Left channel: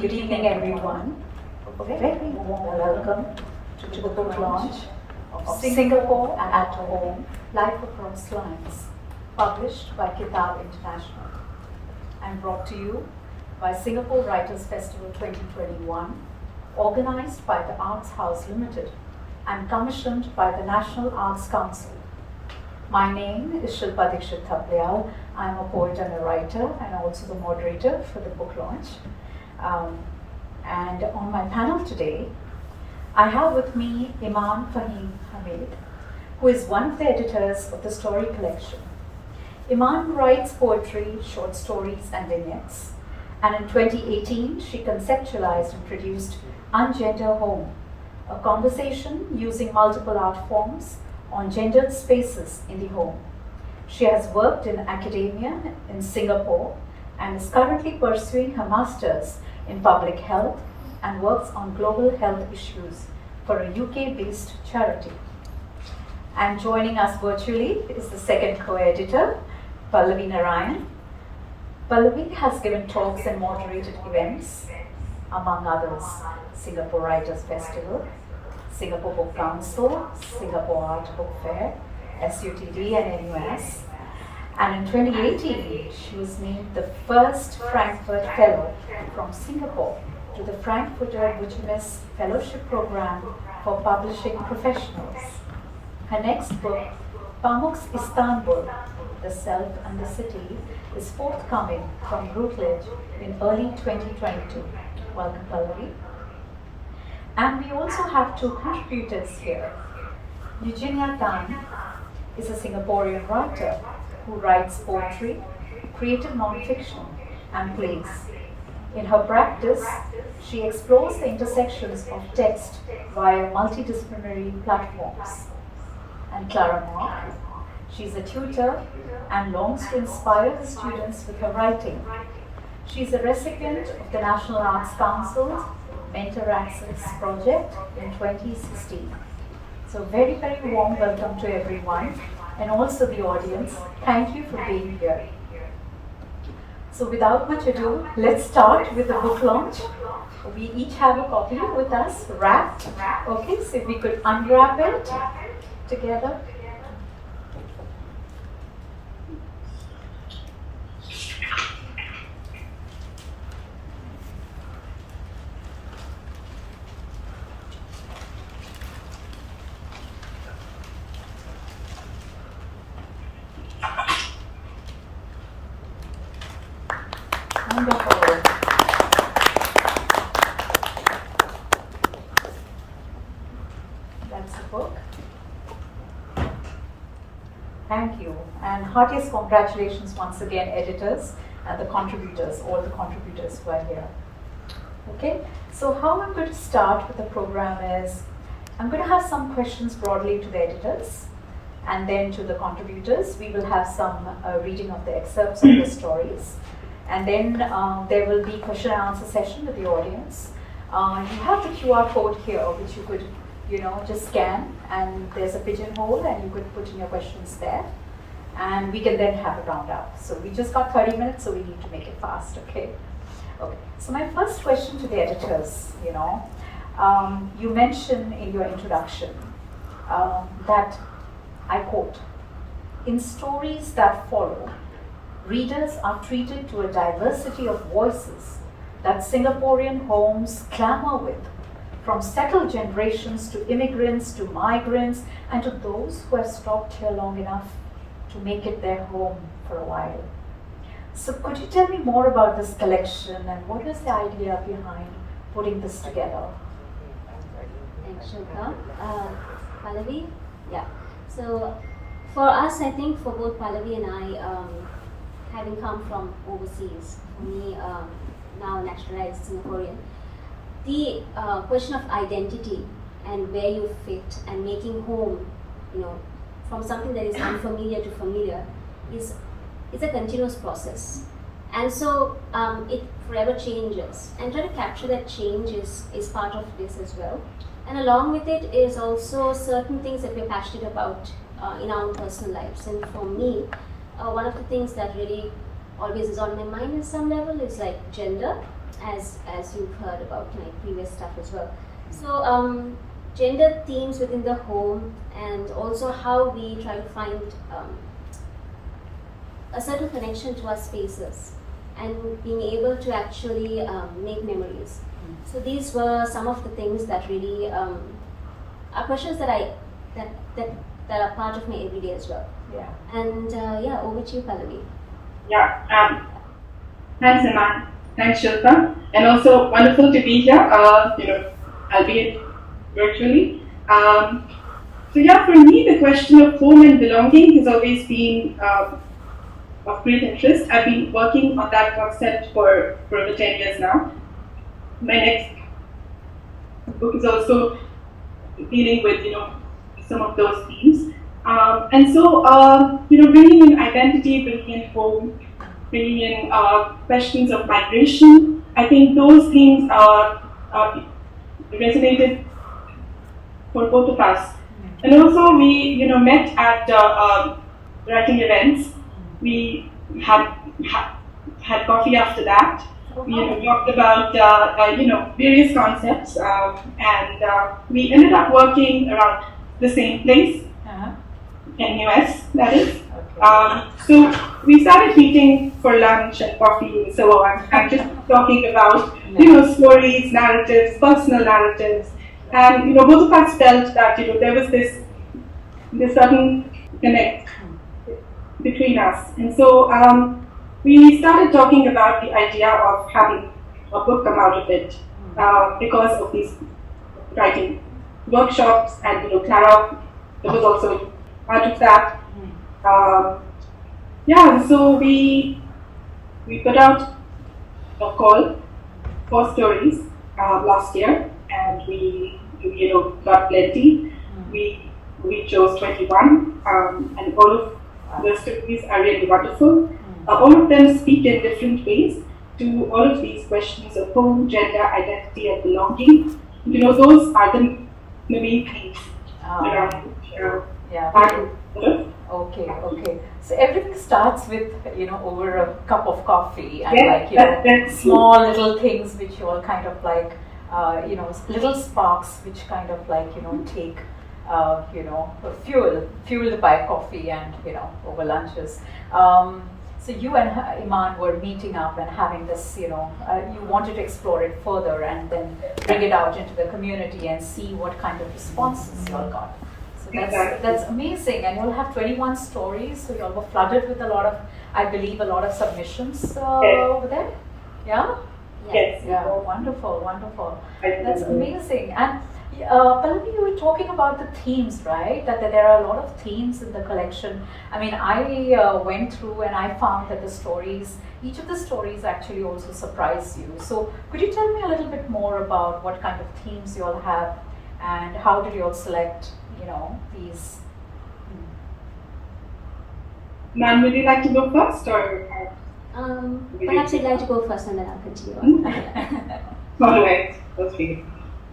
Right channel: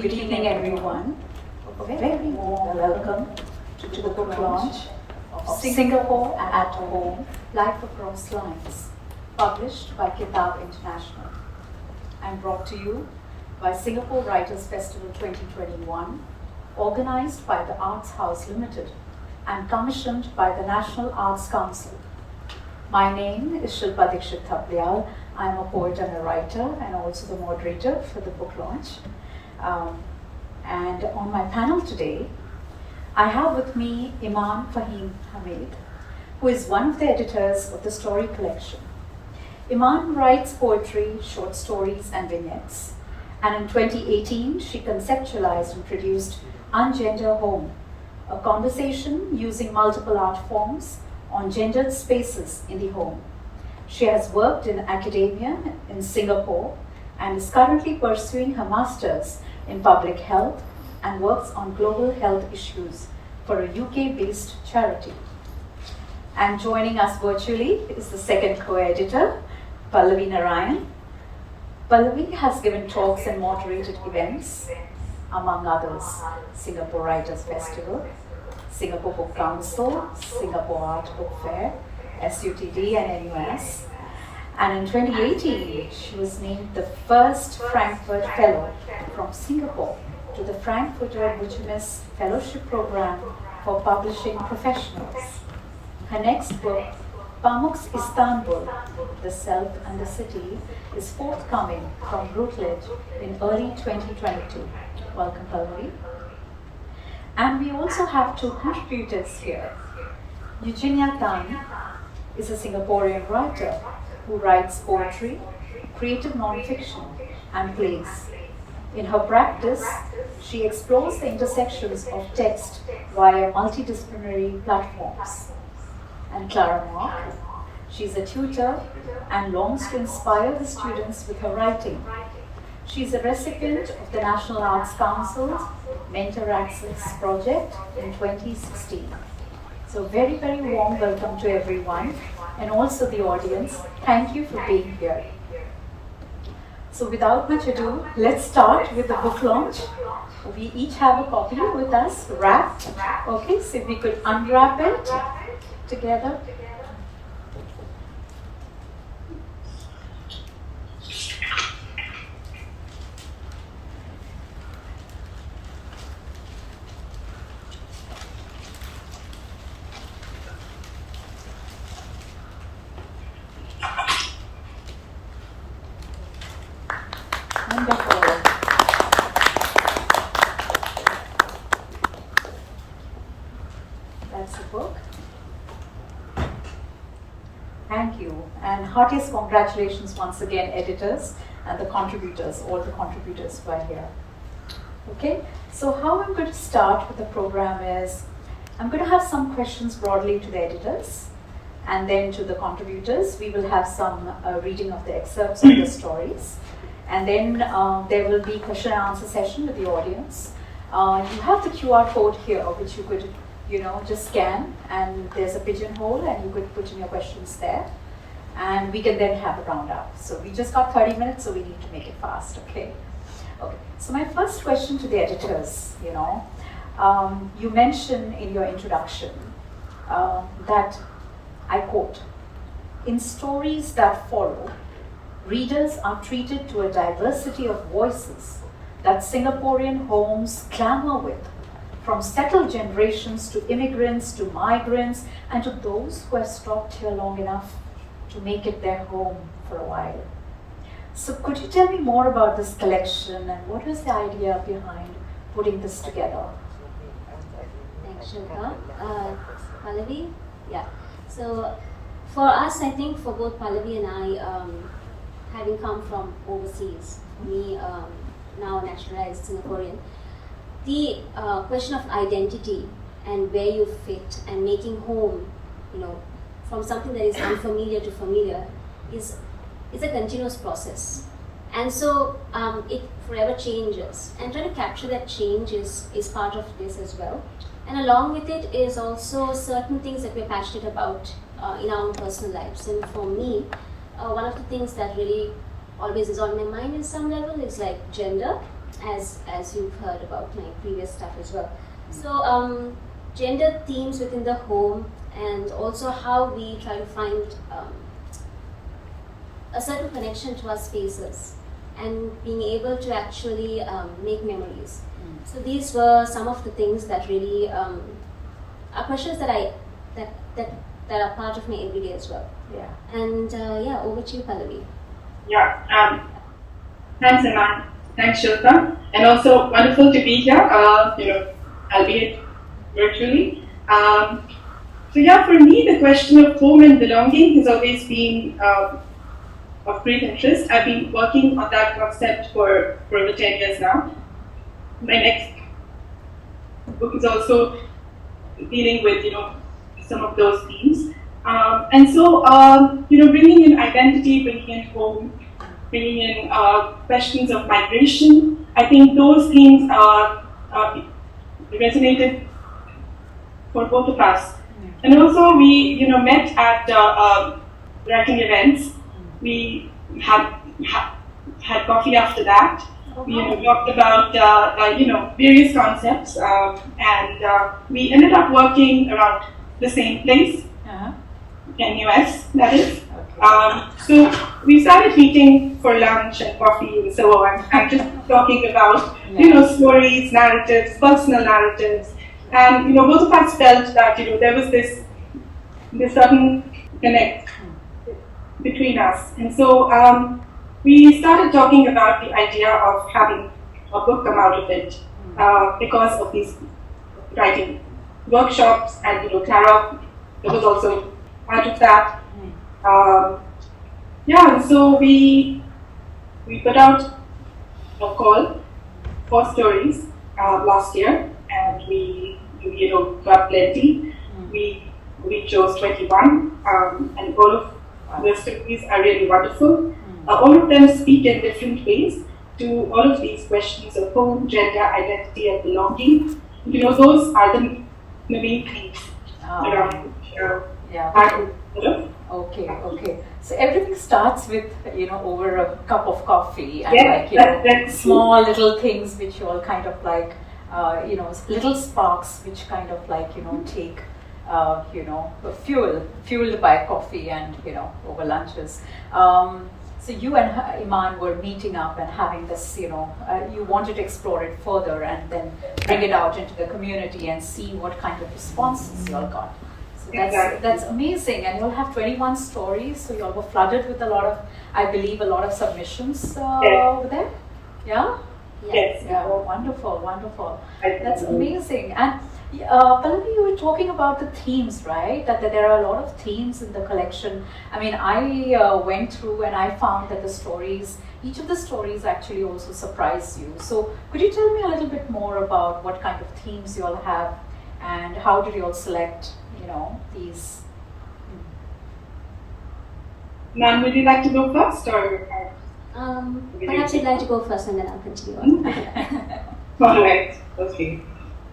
Good evening, everyone. A very warm welcome to the book launch of Singapore at Home, Life Across Lines, published by Kitaab International, and brought to you by Singapore Writers Festival 2021, organized by the Arts House Limited and commissioned by the National Arts Council. My name is Shilpa Dikshit Thapliyal. I'm a poet and a writer and also the moderator for the book launch. And on my panel today, I have with me Iman, Fahim, Hameed, who is one of the editors of the story collection. Iman writes poetry, short stories, and vignettes. And in 2018, she conceptualized and produced Ungender Home, a conversation using multiple art forms on gendered spaces in the home. She has worked in academia in Singapore and is currently pursuing her master's in public health and works on global health issues for a UK-based charity. And joining us virtually is the second co-editor, Pallavi Narayan. Pallavi has given talks and moderated events, among others, Singapore Writers Festival, Singapore Book Council, Singapore Art Book Fair, SUTD and NUS. And in 2018, she was named the first Frankfurt Fellow from Singapore to the Frankfurter Business Fellowship Program for Publishing Professionals. Her next book, Pamuk's Istanbul, The Self and the City, is forthcoming from Routledge in early 2022. Welcome, Pallavi. And we also have two contributors here. Eugenia is a Singaporean writer who writes poetry, creative non-fiction, and plays. In her practice, she explores the intersections of text via multidisciplinary platforms. And Clara, she's a tutor and longs to inspire the students with her writing. She's a recipient of the National Arts Council's Mentor Access project in 2016. So very, very warm welcome to everyone and also the audience. Thank you for being here. So without much ado, let's start with the book launch. We each have a copy with us, wrapped. Okay, so if we could unwrap it together. Wonderful. That's the book. Thank you. And heartiest congratulations once again, editors and the contributors, all the contributors who are here. Okay, so how I'm going to start with the program is, I'm going to have some questions broadly to the editors and then to the contributors. We will have some reading of the excerpts of the stories. And then there will be question and answer session with the audience. You have the QR code here, which you could, just scan, and there's a pigeonhole, and you could put in your questions there. And we can then have a round up. So we just got 30 minutes, so we need to make it fast, okay? Okay. So my first question to the editors, you mentioned in your introduction that, I quote, "In stories that follow, readers are treated to a diversity of voices that Singaporean homes clamor with, from settled generations to immigrants to migrants and to those who have stopped here long enough to make it their home for a while." So could you tell me more about this collection and what was the idea behind putting this together? Thanks, Shilpa. Pallavi? Yeah. So for us, I think for both Pallavi and I, having come from overseas, for me, now naturalized Singaporean, the question of identity and where you fit and making home, from something that is unfamiliar to familiar is a continuous process. And so it forever changes. And trying to capture that change is part of this as well. And along with it is also certain things that we're passionate about in our own personal lives. And for me, one of the things that really always is on my mind in some level is like gender as you've heard about my previous stuff as well. So gender themes within the home, and also how we try to find a certain connection to our spaces and being able to actually make memories. So these were some of the things that really are questions that that are part of my everyday as well. Yeah. And yeah, over to you, Pallavi. Yeah. Thanks, Iman. Thanks, Shilpa. And also wonderful to be here. Albeit virtually. So yeah, for me, the question of home and belonging has always been of great interest. I've been working on that concept for over 10 years now. My next book is also dealing with, some of those themes. And so, bringing in identity, bringing in home, bringing in questions of migration, I think those themes resonated for both of us. And also, we, met at writing events. We had coffee after that. We talked about various concepts, and we ended up working around the same place, NUS, that is. So we started meeting for lunch and coffee and so on, and just talking about stories, narratives, personal narratives, and both of us felt that there was this certain connect between us, and so we started talking about the idea of having a book come out of it because of these writing workshops, and Clara was also part of that. And so we put out a call for stories last year, and we got plenty. We chose 21, and all of the stories are really wonderful. All of them speak in different ways to all of these questions of home, gender, identity, and belonging. Those are the main themes around Okay. So everything starts with over a cup of coffee and small little things which you all kind of like little sparks which kind of like take fueled by coffee and over lunches. So you and Iman were meeting up and having this, you wanted to explore it further and then bring it out into the community and see what kind of responses you all got. So that's amazing. And you'll have 21 stories, so you'll be flooded with a lot of submissions over there. Yeah? Yes. Yeah, wonderful. That's amazing. And Pallavi, you were talking about the themes, right? That there are a lot of themes in the collection. I mean, I went through and I found that each of the stories actually also surprised you. So could you tell me a little bit more about what kind of themes you all have and how did you all select, these? Man, would you like to go first, or? Perhaps you'd like to go first and then I'll continue. All right, okay.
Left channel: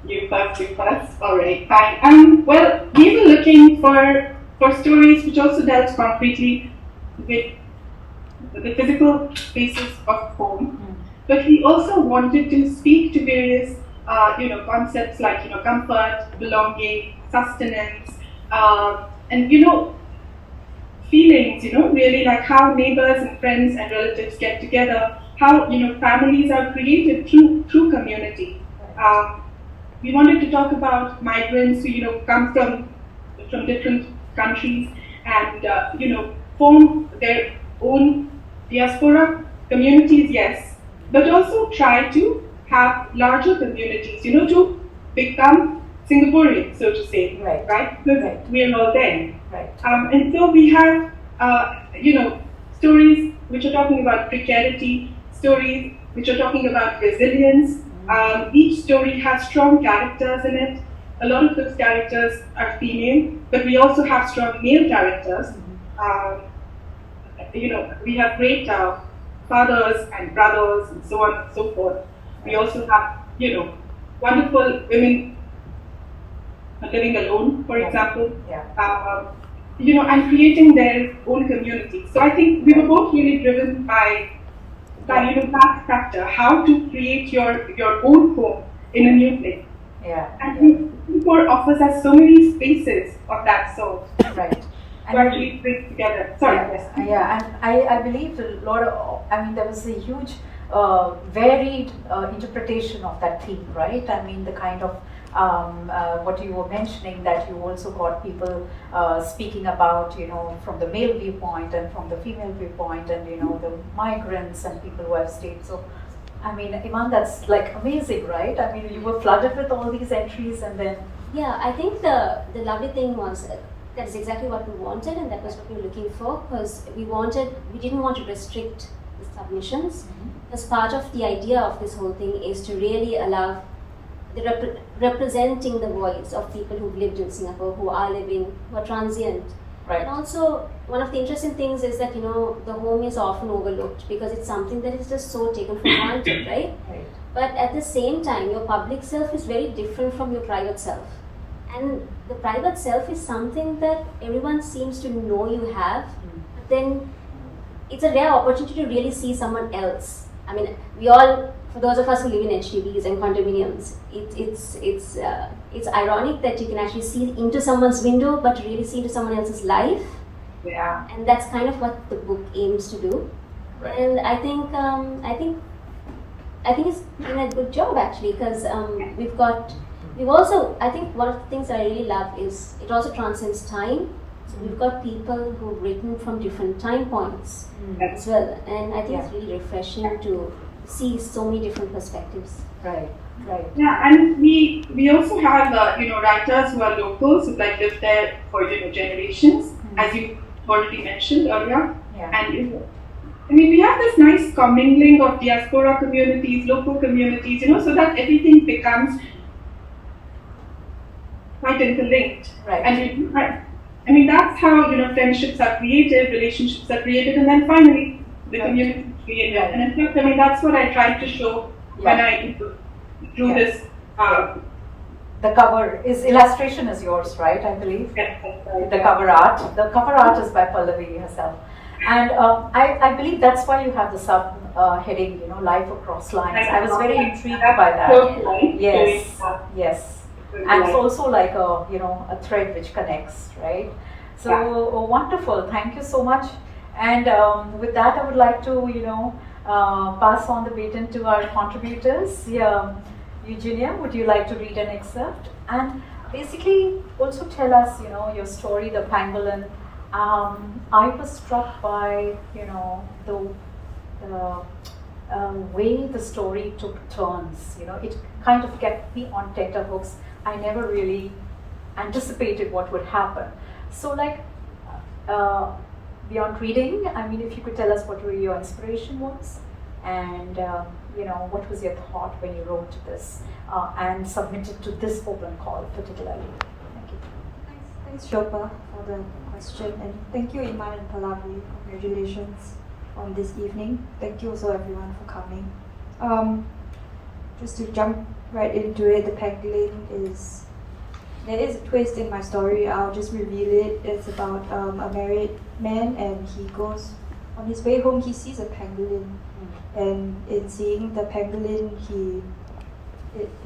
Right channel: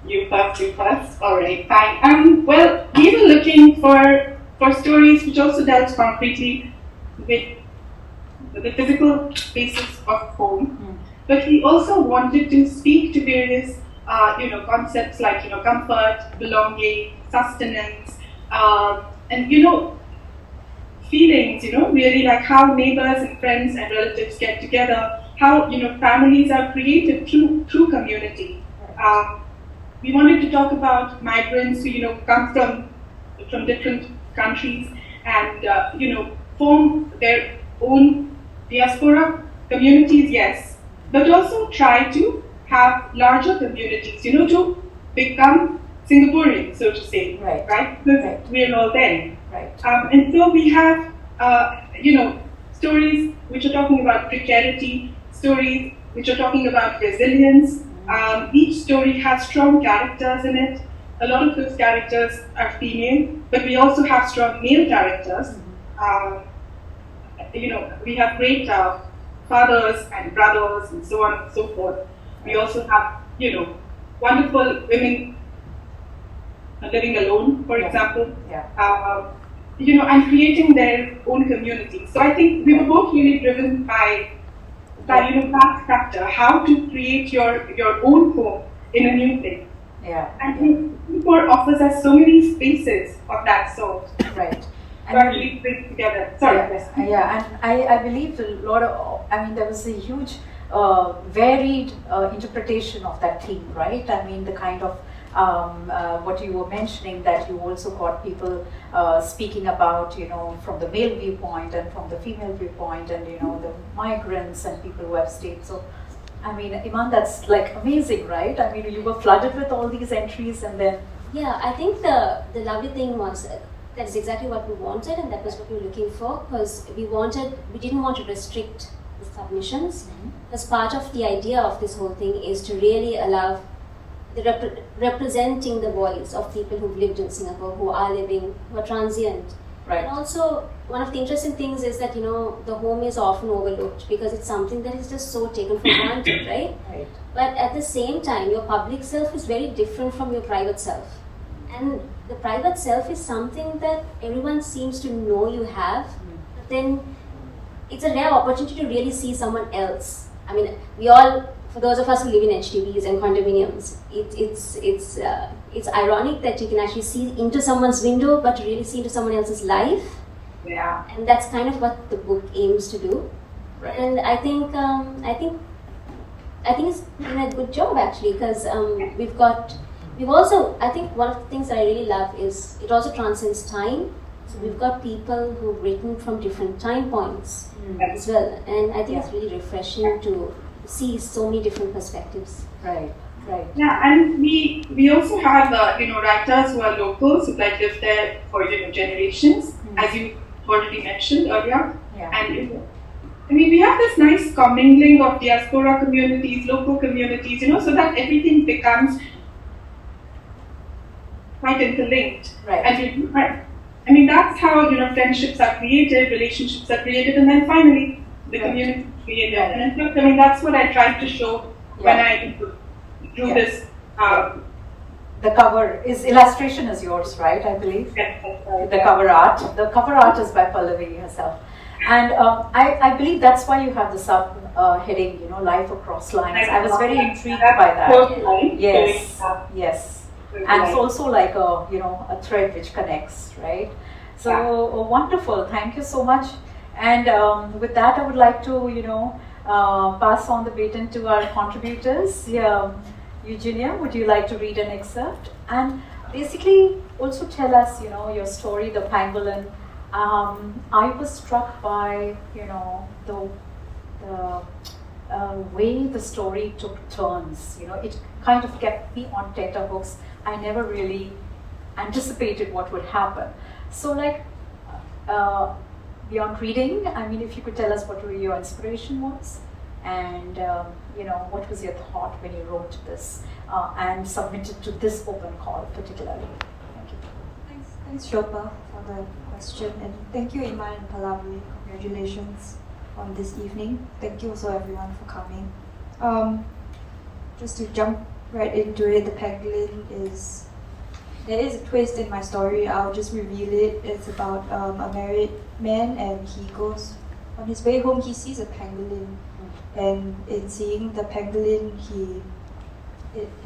You first. All right, fine. Well, we were looking for stories which also dealt concretely with the physical spaces of home, but we also wanted to speak to various, concepts like comfort, belonging, sustenance, and feelings. Really like how neighbors and friends and relatives get together, how families are created through community. We wanted to talk about migrants who come from different countries and form their own diaspora communities, yes, but also try to have larger communities, to become Singaporean, so to say, right? Because we're all there. Right. And so we have, stories which are talking about precarity, stories which are talking about resilience. Each story has strong characters in it. A lot of those characters are female, but we also have strong male characters. We have great fathers and brothers and so on and so forth. We also have, wonderful women living alone, for example. And creating their own community. So I think we were both really driven by that that factor, how to create your own home in a new place. Yeah. And Singapore offers us so many spaces of that sort. Right. To actually bring together. Sorry. Yeah, and I believe a lot of, there was a huge varied interpretation of that theme, right? I mean, the kind of what you were mentioning, that you also got people speaking about, from the male viewpoint and from the female viewpoint, and the migrants and people who have stayed. So, I mean, Iman, that's like amazing, right? I mean, you were flooded with all these entries, and then yeah, I think the lovely thing was that's exactly what we wanted, and that was what we were looking for, because we didn't want to restrict the submissions. Mm-hmm. As part of the idea of this whole thing is to really allow the representing the voice of people who've lived in Singapore, who are transient. right. And also, one of the interesting things is that, the home is often overlooked because it's something that is just so taken for granted, right? Right. But at the same time, your public self is very different from your private self. And the private self is something that everyone seems to know you have, but then it's a rare opportunity to really see someone else. I mean, we all, for those of us who live in HDBs and condominiums, it's ironic that you can actually see into someone's window, but to really see into someone else's life. Yeah. And that's kind of what the book aims to do. Right. And I think it's done a good job, actually, because we've also, I think one of the things that I really love is it also transcends time. So we've got people who've written from different time points as well. And I think it's really refreshing to see so many different perspectives. Right. Yeah, and we also have writers who are locals, who like lived there for generations, as you already mentioned earlier. Yeah. And we have this nice commingling of diaspora communities, local communities, so that everything becomes quite interlinked. Right. And that's how friendships are created, relationships are created, and then finally the community is created. And in fact, that's what I tried to show when I drew this. The cover illustration is yours, right? I believe. Yes, that's right. The cover art. The cover art is by Pallavi herself, and I believe that's why you have the sub heading, Life Across Lines. I was very intrigued by that. Yes. And it's also like a thread which connects, right? So wonderful. Thank you so much. And with that, I would like to pass on the baton to our contributors. Eugenia, would you like to read an excerpt and basically also tell us, your story, the pangolin? I was struck by the way the story took turns. It kind of kept me on tenterhooks. I never really anticipated what would happen. So, beyond reading, if you could tell us what your inspiration was, and what was your thought when you wrote this and submitted to this open call particularly. Thank you. Thanks Shilpa for the question, and thank you Iman and Pallavi. Congratulations on this evening. Thank you also everyone for coming. Just to jump right into it, the pangolin there is a twist in my story. I'll just reveal it. It's about a married man, and he goes on his way home. He sees a pangolin, and in seeing the pangolin, he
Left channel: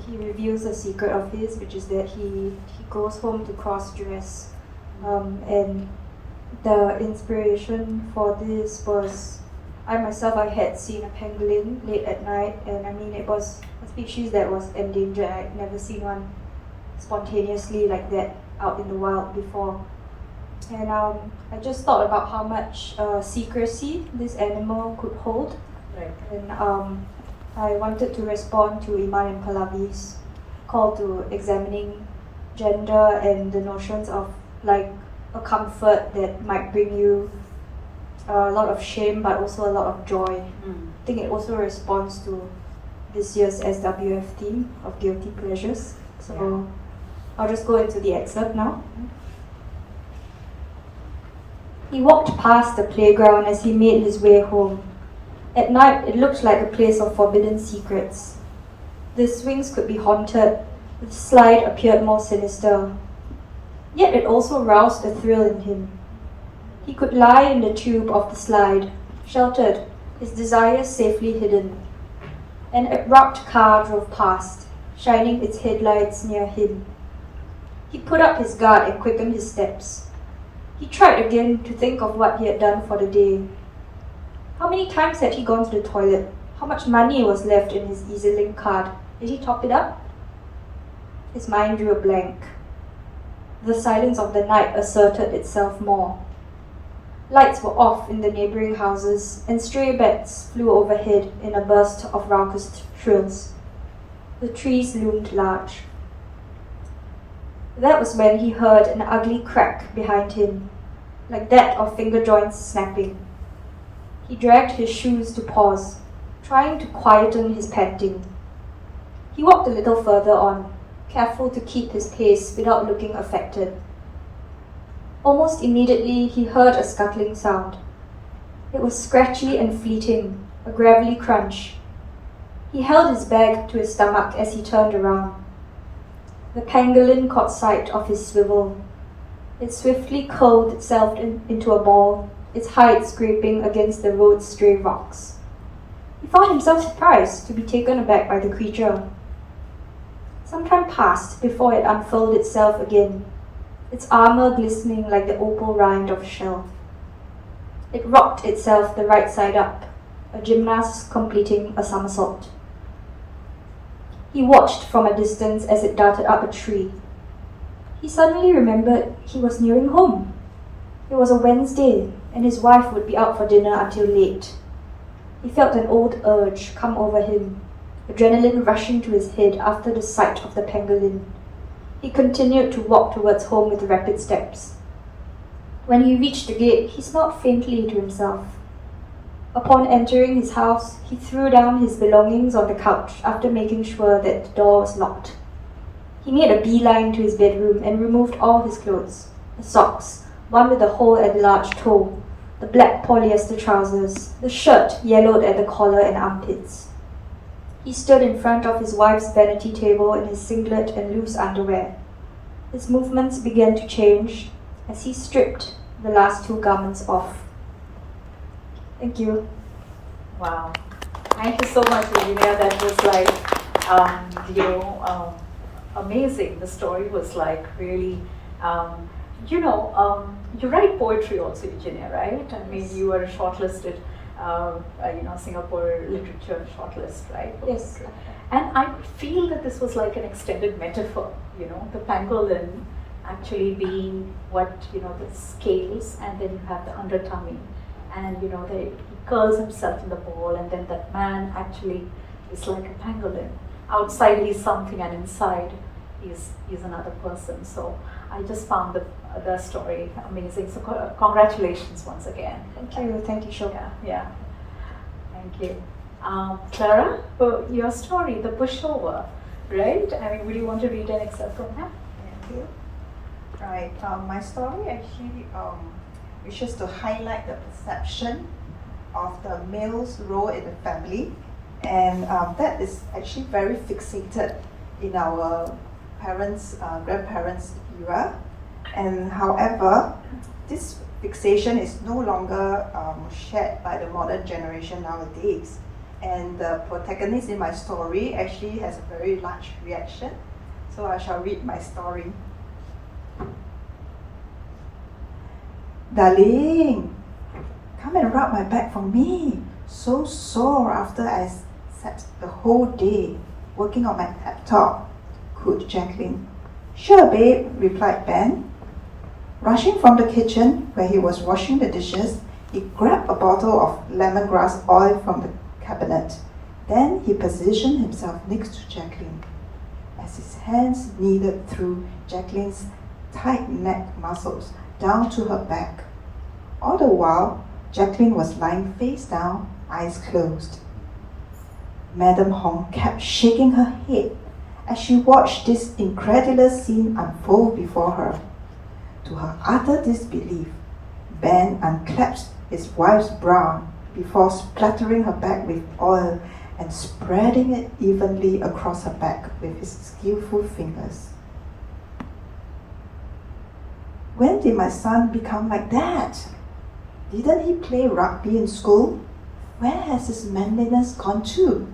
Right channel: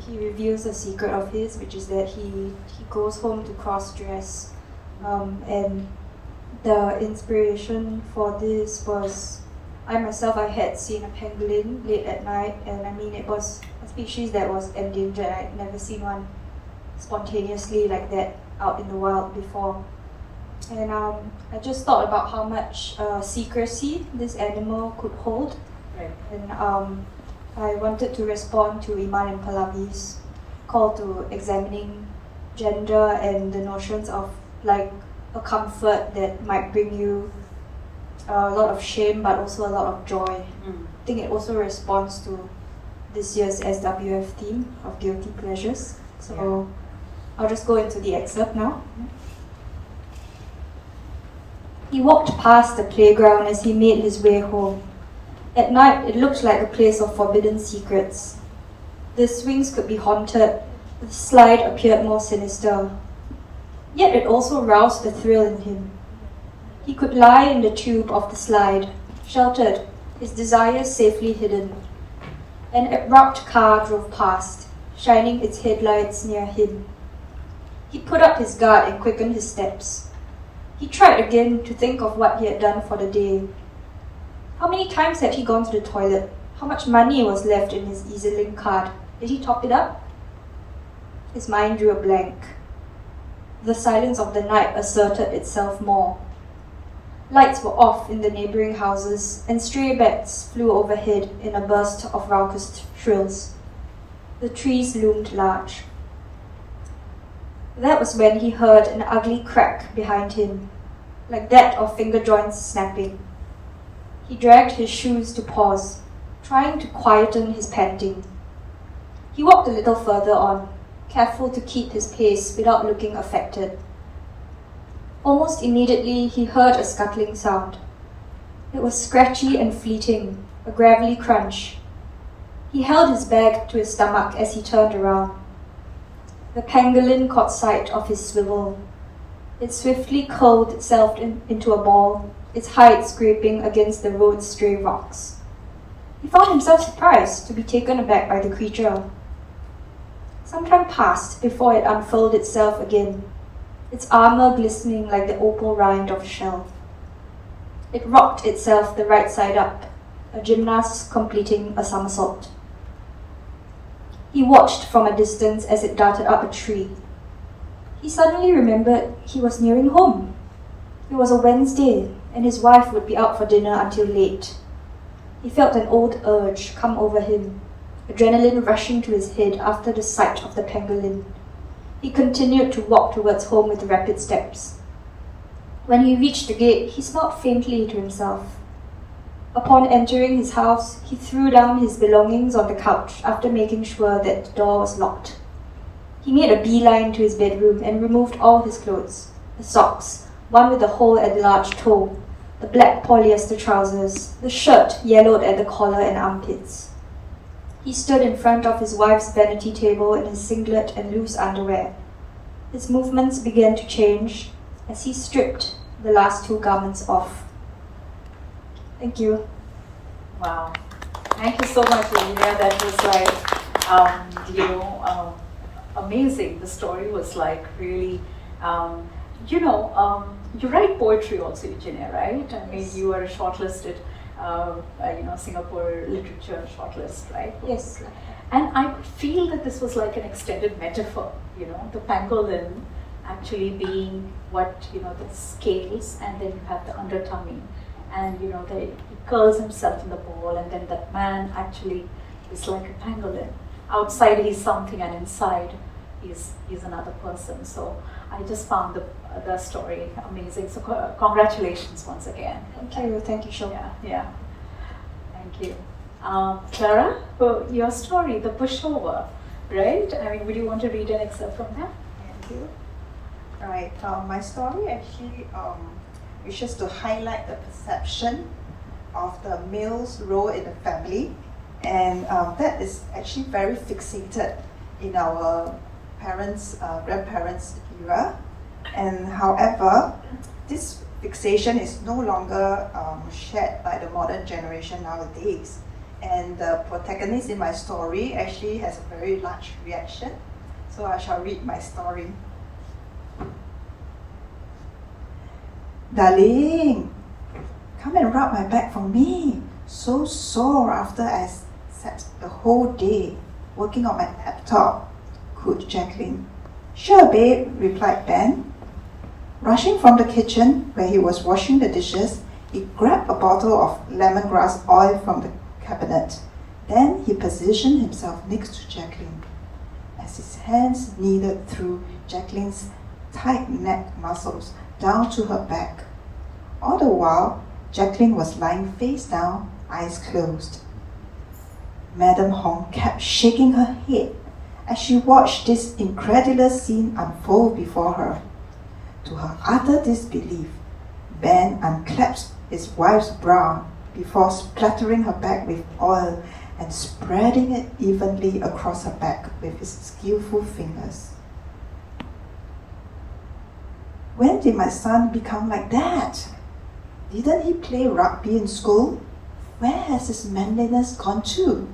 reveals a secret of his, which is that he goes home to cross-dress. And the inspiration for this was, I had seen a pangolin late at night, and it was a species that was endangered. I'd never seen one spontaneously like that out in the wild before. And I just thought about how much secrecy this animal could hold. Right. And I wanted to respond to Iman and Pallavi's call to examining gender and the notions of like a comfort that might bring you a lot of shame but also a lot of joy. I think it also responds to this year's SWF theme of guilty pleasures. So I'll just go into the excerpt now. He walked past the playground as he made his way home. At night, it looked like a place of forbidden secrets. The swings could be haunted, the slide appeared more sinister. Yet it also roused a thrill in him. He could lie in the tube of the slide, sheltered, his desires safely hidden. An abrupt car drove past, shining its headlights near him. He put up his guard and quickened his steps. He tried again to think of what he had done for the day. How many times had he gone to the toilet? How much money was left in his EasyLink card? Did he top it up? His mind drew a blank. The silence of the night asserted itself more. Lights were off in the neighbouring houses, and stray bats flew overhead in a burst of raucous shrills. The trees loomed large. That was when he heard an ugly crack behind him, like that of finger joints snapping. He dragged his shoes to pause, trying to quieten his panting. He walked a little further on, careful to keep his pace without looking affected. Almost immediately, he heard a scuttling sound. It was scratchy and fleeting, a gravelly crunch. He held his bag to his stomach as he turned around. The pangolin caught sight of his swivel. It swiftly curled itself into a ball, its hide scraping against the road's stray rocks. He found himself surprised to be taken aback by the creature. Some time passed before it unfurled itself again, its armour glistening like the opal rind of a shell. It rocked itself the right side up, a gymnast completing a somersault. He watched from a distance as it darted up a tree. He suddenly remembered he was nearing home. It was a Wednesday, and his wife would be out for dinner until late. He felt an old urge come over him, adrenaline rushing to his head after the sight of the pangolin. He continued to walk towards home with rapid steps. When he reached the gate, he smiled faintly to himself. Upon entering his house, he threw down his belongings on the couch after making sure that the door was locked. He made a beeline to his bedroom and removed all his clothes, the socks, one with a hole at the large toe, the black polyester trousers, the shirt yellowed at the collar and armpits. He stood in front of his wife's vanity table in his singlet and loose underwear. His movements began to change as he stripped the last two garments off. Thank you. Wow. Thank you so much, Euginia. That was amazing. The story was really, you write poetry also, Euginia, right? I mean, you were shortlisted, Singapore literature shortlist, right? Yes. And I feel that this was like an extended metaphor, the pangolin actually being what, the scales, and then you have the undertummy. And he curls himself in the ball, and then that man actually is like a pangolin. Outside he's something, and inside he's another person. So I just found the story amazing. So congratulations once again. Thank you, Shilpa. Yeah. Thank you. Clara, your story, the pushover, right? I mean, would you want to read an excerpt from that? Thank you. Right. My story actually wishes to highlight the perception of the male's role in the family, and that is actually very fixated in our grandparents' era. And however, this fixation is no longer shared by the modern generation nowadays. And the protagonist in my story actually has a very large reaction. So I shall read my story. Darling, come and rub my back for me. So sore after I sat the whole day working on my laptop, cooed Jacqueline. Sure, babe, replied Ben. Rushing from the kitchen, where he was washing the dishes, he grabbed a bottle of lemongrass oil from the cabinet. Then he positioned himself next to Jacqueline. As his hands kneaded through Jacqueline's tight neck muscles down to her back. All the while, Jacqueline was lying face down, eyes closed. Madame Hong kept shaking her head as she watched this incredulous scene unfold before her. To her utter disbelief, Ben unclasped his wife's brow before splattering her back with oil and spreading it evenly across her back with his skillful fingers. When did my son become like that? Didn't he play rugby in school? Where has his manliness gone to?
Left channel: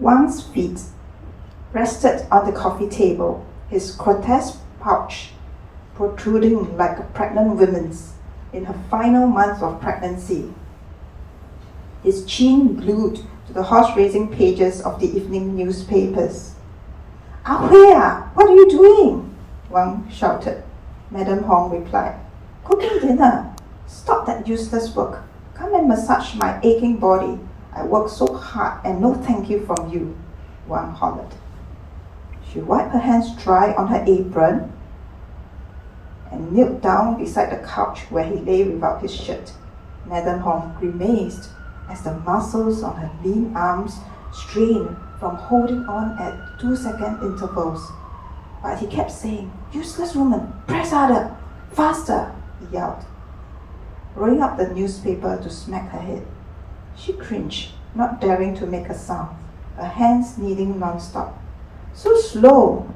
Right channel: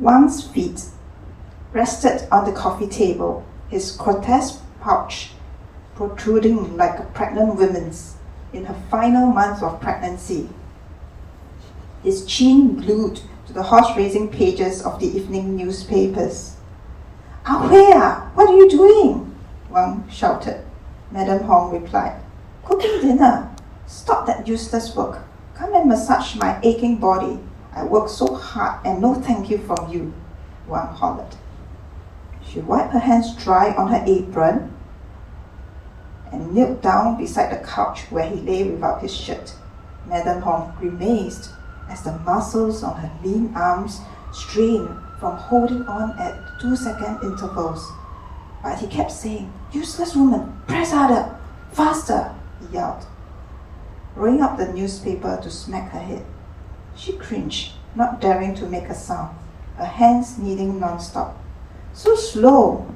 Wang's feet rested on the coffee table, his grotesque pouch protruding like a pregnant woman's in her final month of pregnancy. His chin glued to the horse-racing pages of the evening newspapers. "Ahwea, what are you doing?" Wang shouted. Madam Hong replied, "Cooking dinner. Stop that useless work. Come and massage my aching body. I work so hard and no thank you from you," Wang hollered. She wiped her hands dry on her apron and knelt down beside the couch where he lay without his shirt. Madam Hong grimaced as the muscles on her lean arms strained from holding on at 2-second intervals. But he kept saying, "Useless woman, press harder, faster," he yelled, rolling up the newspaper to smack her head. She cringed, not daring to make a sound, her hands kneading non-stop. "So slow!"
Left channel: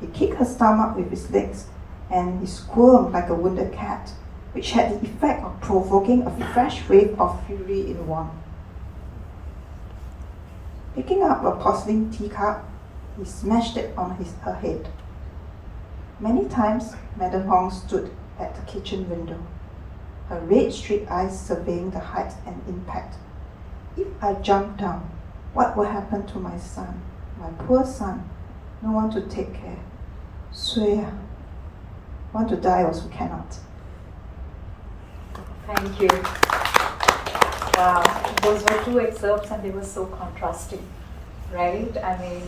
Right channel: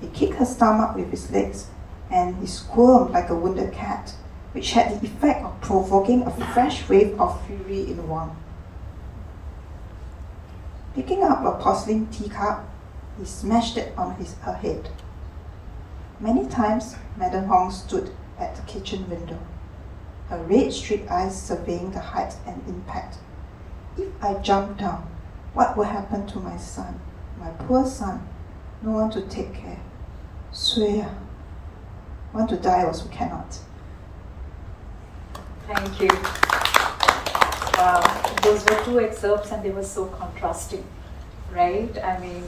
He kicked her stomach with his legs, and he squirmed like a wounded cat, which had the effect of provoking a fresh wave of fury in Wang. Picking up a porcelain teacup, he smashed it on her head. Many times, Madam Hong stood at the kitchen window, her red streaked eyes surveying the height and impact. "If I jump down, what will happen to my son? My poor son, no one to take care. Swear, want to die also cannot." Thank you. Wow, those were two excerpts and they were so contrasting, right? I mean,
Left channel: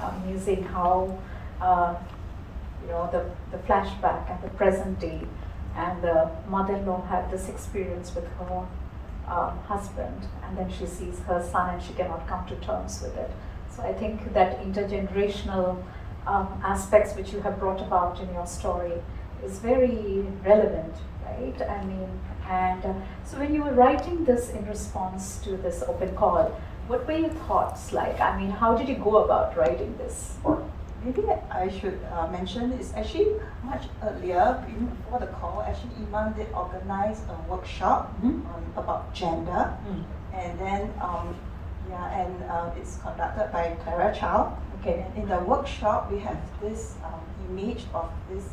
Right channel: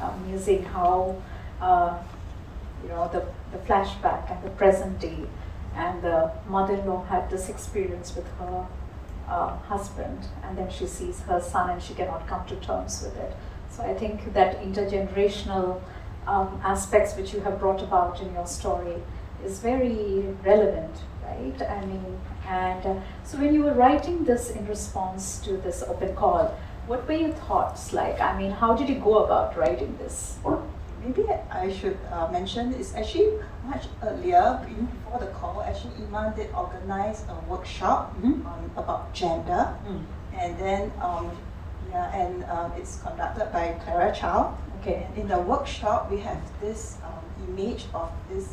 amusing how, the flashback and the present day, and the mother-in-law had this experience with her husband, and then she sees her son and she cannot come to terms with it. So I think that intergenerational aspects which you have brought about in your story is very relevant, right? I mean, and so when you were writing this in response to this open call, what were your thoughts like? I mean, how did you go about writing this? Maybe I should mention it's actually much earlier, before the call. Actually, Iman did organize a workshop about gender, and then it's conducted by Clara. Okay. In the workshop, we have this image of this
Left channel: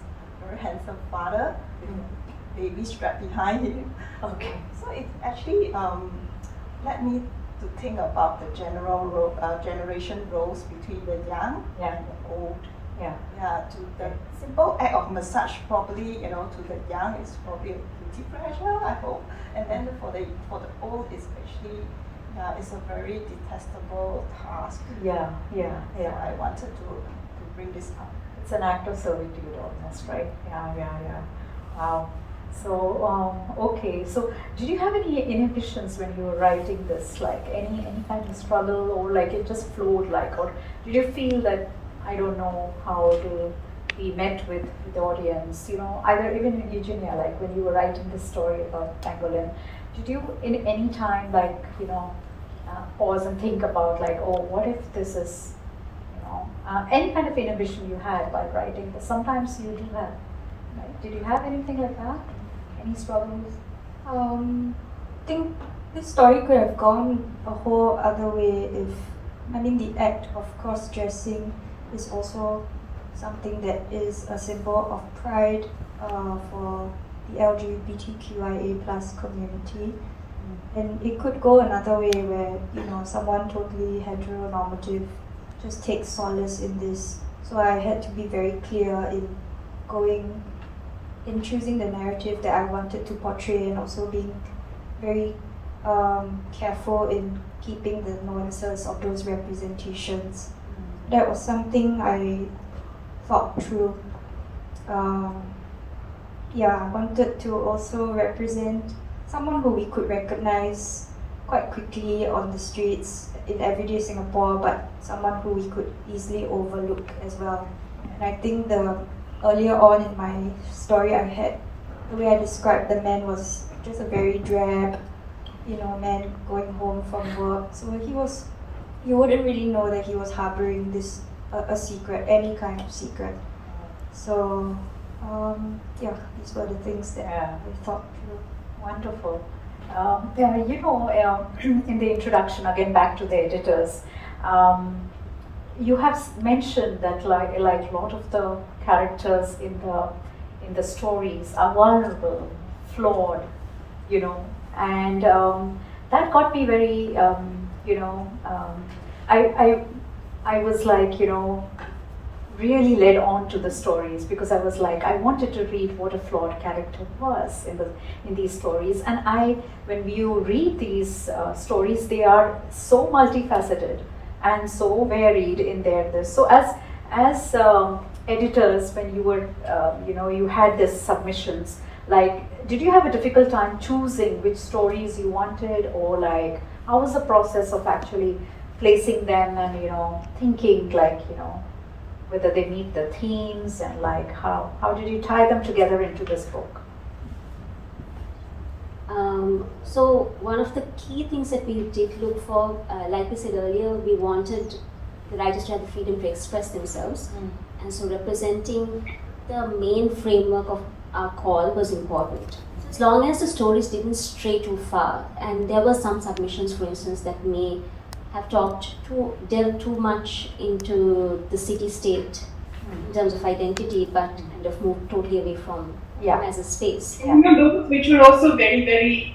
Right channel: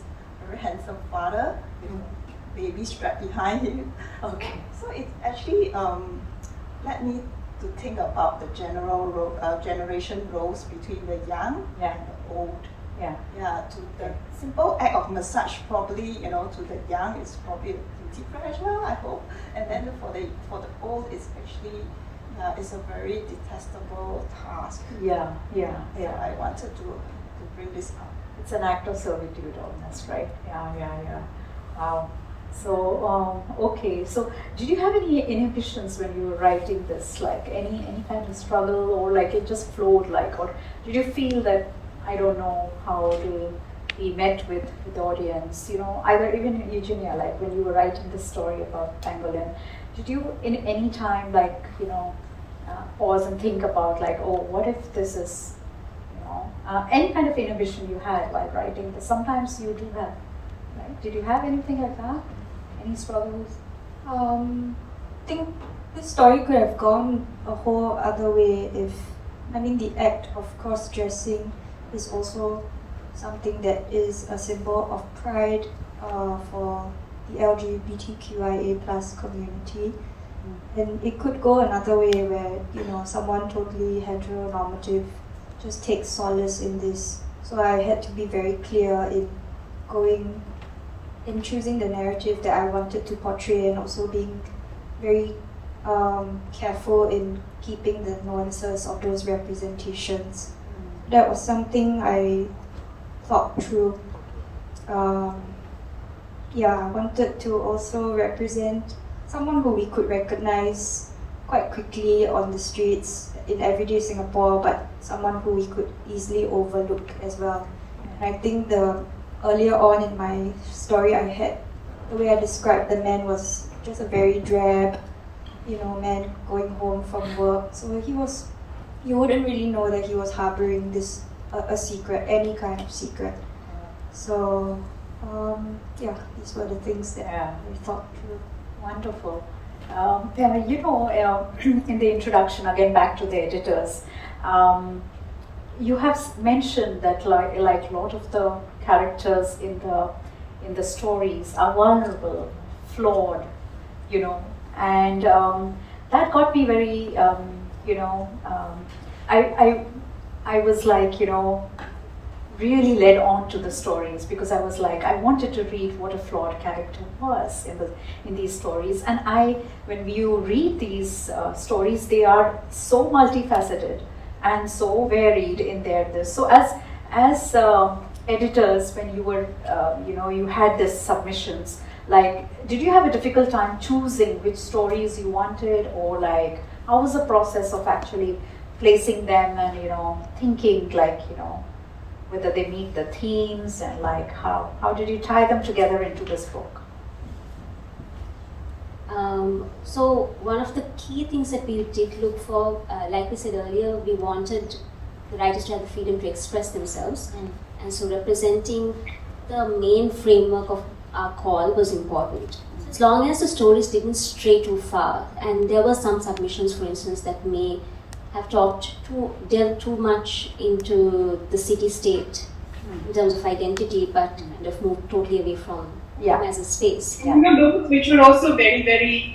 very handsome father with a baby strapped behind him. Okay. So it actually led me to think about the generation roles between the young and the old. Yeah. Yeah, to the simple act of massage probably, to the young is probably a guilty pleasure, I hope. And then for the old, it's actually it's a very detestable task. Yeah. So I wanted to bring this up. It's an act of servitude almost, right? Yeah. Wow. So, okay. So, did you have any inhibitions when you were writing this? Like any kind of struggle, or like it just flowed, like, or did you feel that, I don't know how it will be met with the audience? Either even in Eugenia, like when you were writing this story about Pangolin, did you in any time pause and think about like, oh, what if this is, any kind of inhibition you had while writing this? Sometimes you do have, right? Did you have anything like that? Any struggles? I think this story could have gone a whole other way if, the act of cross-dressing is also something that is a symbol of pride for the LGBTQIA plus community. And it could go another way where, someone totally heteronormative just takes solace in this. So I had to be very clear in choosing the narrative that I wanted to portray, and also being very careful in keeping the nuances of those representations. That was something I thought through. I wanted to also represent someone who we could recognize quite quickly on the streets in everyday Singapore, but someone who we could easily overlook as well. And I think earlier on in my story, the way I described the man was just a very drab, man going home from work. So you wouldn't really know that he was harboring this a secret, any kind of secret. So, yeah, these were the things that I thought through. Wonderful. In the introduction, again back to the editors, you have mentioned that like a lot of the characters in the stories are vulnerable, flawed, and that got me very, I was like, really led on to the stories because I was like, I wanted to read what a flawed character was in these stories. And when you read these stories, they are so multifaceted and so varied in their. So as editors, when you were, you had these submissions, like, did you have a difficult time choosing which stories you wanted, or like, how was the process of actually placing them and, thinking like, whether they meet the themes and like how did you tie them together into this book? So one of the key things that we did look for, like we said earlier, we wanted the writers to have the freedom to express themselves, and so representing the main framework of our call was important. As long as the stories didn't stray too far, and there were some submissions, for instance, that may have delved too much into the city-state in terms of identity, but kind of moved totally away from as a space. Those which were also very, very,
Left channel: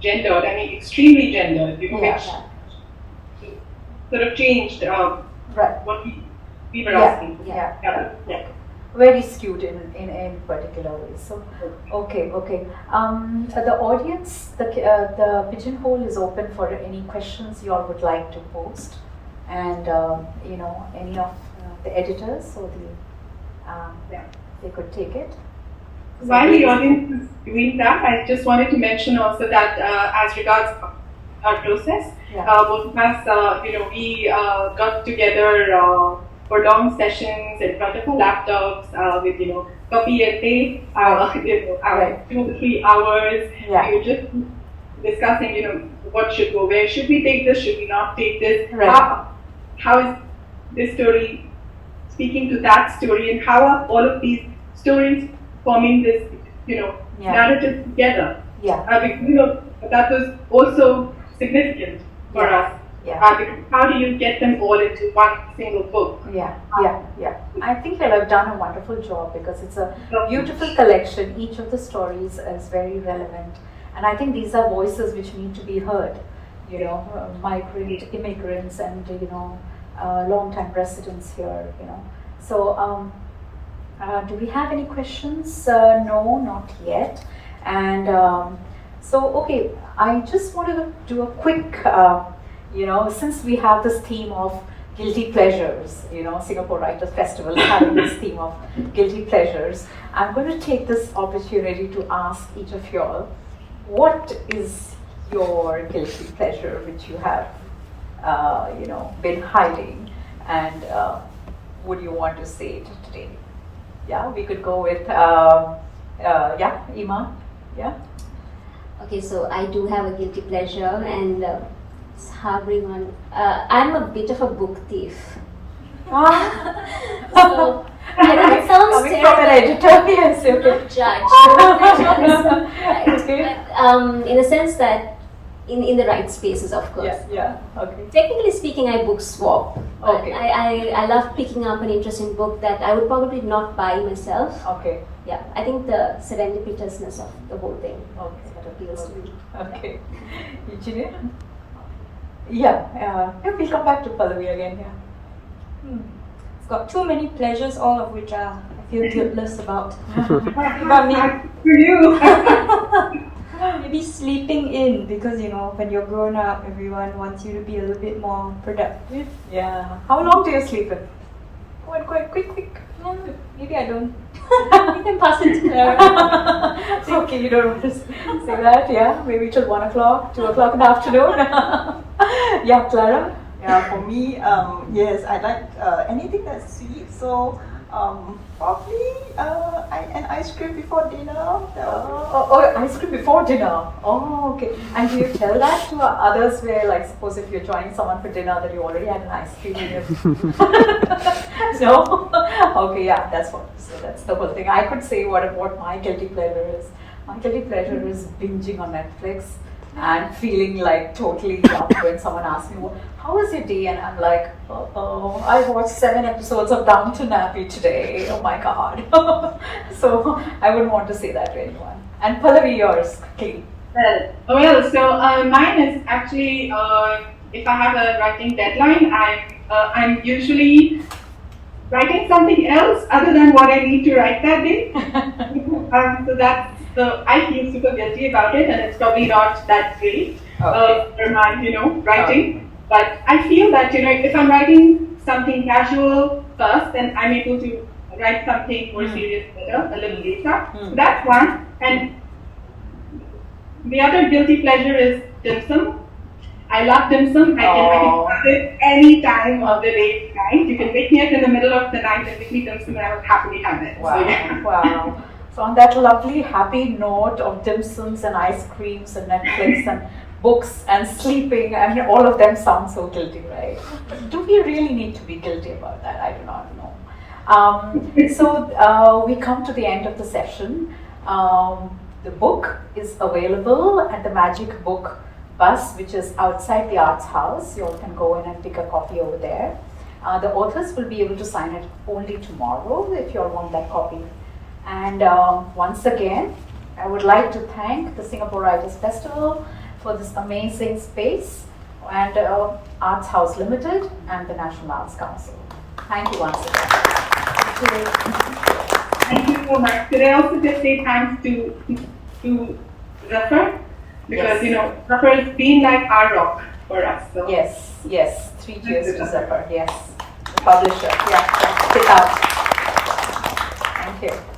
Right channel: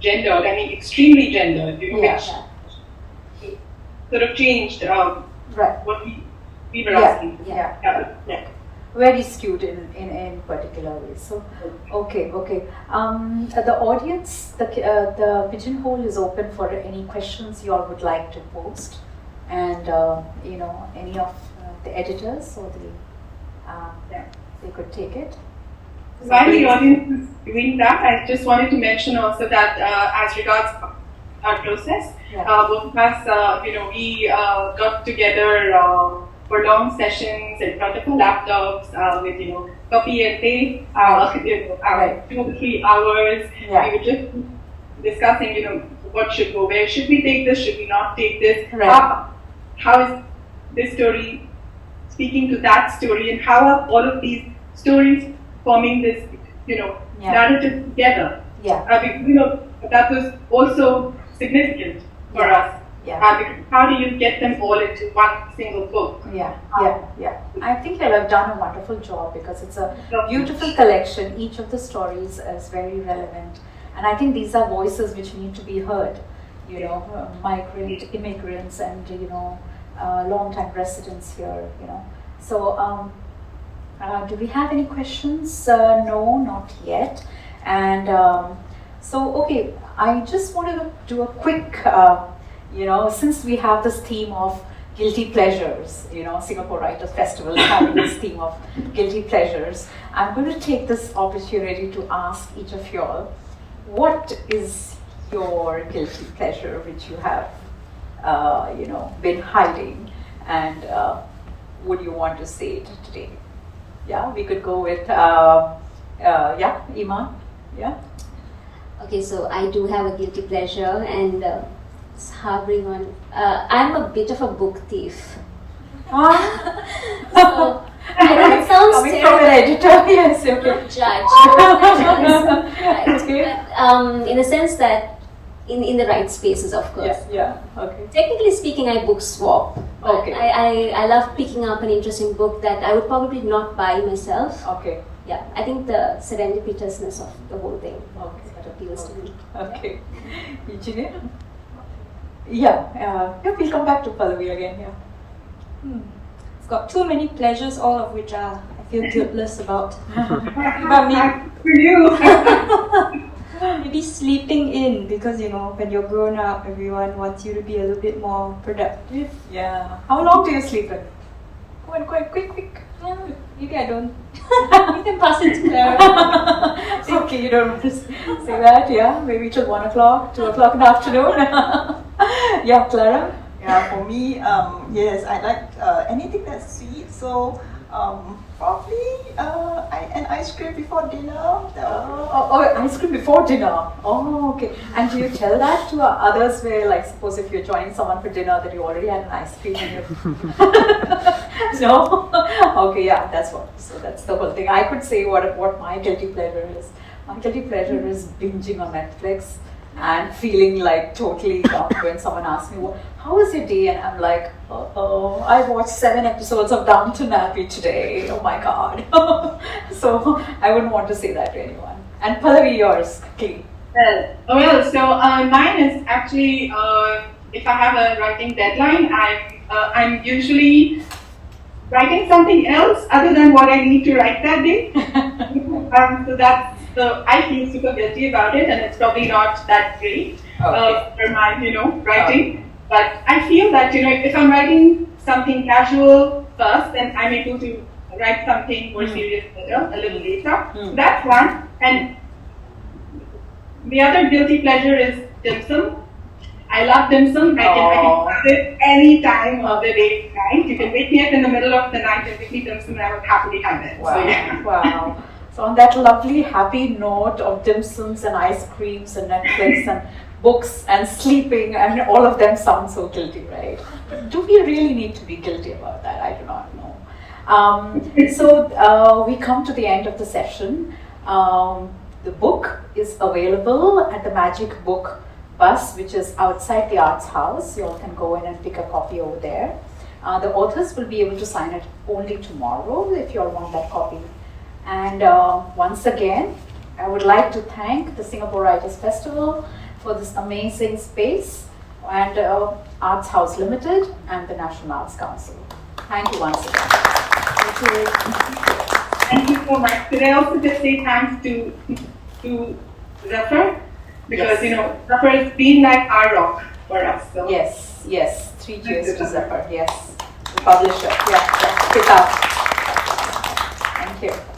gendered. I mean, extremely gendered. Which sort of changed what we were asking. Very skewed in particular ways. So, okay. The audience, the pigeonhole is open for any questions you all would like to post, and any of the editors or they could take it. While the audience is doing that, I just wanted to mention also that as regards our process, both of us, we got together for long sessions in front of our laptops with copy and paste, 2 to 3 hours. We were just discussing, what should go, where should we take this, should we not take this, how is this story speaking to that story, and how are all of these stories forming this narrative together. That was also significant for us. How do you get them all into one single book? I think they have done a wonderful job because it's a beautiful collection. Each of the stories is very relevant, and I think these are voices which need to be heard. Migrant, immigrants, and long-time residents here. So, do we have any questions? No, not yet. And okay, I just want to do a quick. Since we have this theme of guilty pleasures, Singapore Writers Festival is having this theme of guilty pleasures, I'm going to take this opportunity to ask each of you all, what is your guilty pleasure which you have, been hiding, and would you want to say it today? Yeah, we could go with, Iman, Okay, so I do have a guilty pleasure, and it's harboring on. I'm a bit of a book thief. So I know it sounds coming from an editor, yes, okay. Judge. But, in the sense that in the right spaces, of course. Okay. Technically speaking, I book swap. Okay. I love picking up an interesting book that I would probably not buy myself. Okay. Yeah, I think the serendipitousness of the whole thing that appeals to me. Okay. Euginia? We'll come back to Pallavi again, I've got too many pleasures, all of which I feel guiltless about. About me. For you. Maybe sleeping in, because when you're grown up, everyone wants you to be a little bit more productive. Yeah. How long do you sleep in? Quick. Yeah, maybe I don't. You can pass it to Clara. It's okay, you don't just say that, maybe till 1 o'clock, 2 o'clock in the afternoon. Clara? For me, yes, I like anything that's sweet. So probably I and ice cream before dinner. Ice cream before dinner. Oh, okay. And do you tell that to others where, like, suppose if you're joining someone for dinner that you already had an ice cream in it? No? Okay, yeah, that's the whole thing. I could say what my guilty pleasure is. My guilty pleasure is binging on Netflix and feeling like totally dumb when someone asks me, well, how was your day? And I'm like, I watched 7 episodes of Downton Abbey today. Oh my God. So I wouldn't want to say that to anyone. And Pallavi, yours, clean. So mine is actually, if I have a writing deadline, I'm usually writing something else other than what I need to write that day. So I feel super guilty about it, and it's probably not that great for my, writing. But I feel that, if I'm writing something casual first, then I'm able to write something more serious later, a little later. So that's one. And the other guilty pleasure is dim sum. I love dim sum. I can have it any time of the day, night. You can wake me up in the middle of the night and make me dim sum, and I would happily have it. Wow. So yeah. Wow. So on that lovely, happy note of dim sums and ice creams and Netflix and books and sleeping, I mean, all of them sound so guilty, right? But do we really need to be guilty about that? I do not know. So we come to the end of the session. The book is available at the Magic Book Bus, which is outside the Arts House. You all can go in and pick a copy over there. The authors will be able to sign it only tomorrow if you all want that copy. And once again, I would like to thank the Singapore Writers Festival for this amazing space, and Arts House Limited and the National Arts Council. Thank you once again. Thank you. Thank you so much. Could I also just say thanks to Zephyr? Because, Zephyr has been like our rock for us. So. Yes, 3 cheers to Zephyr, yes. The publisher, yeah. Kitaab. Thank you.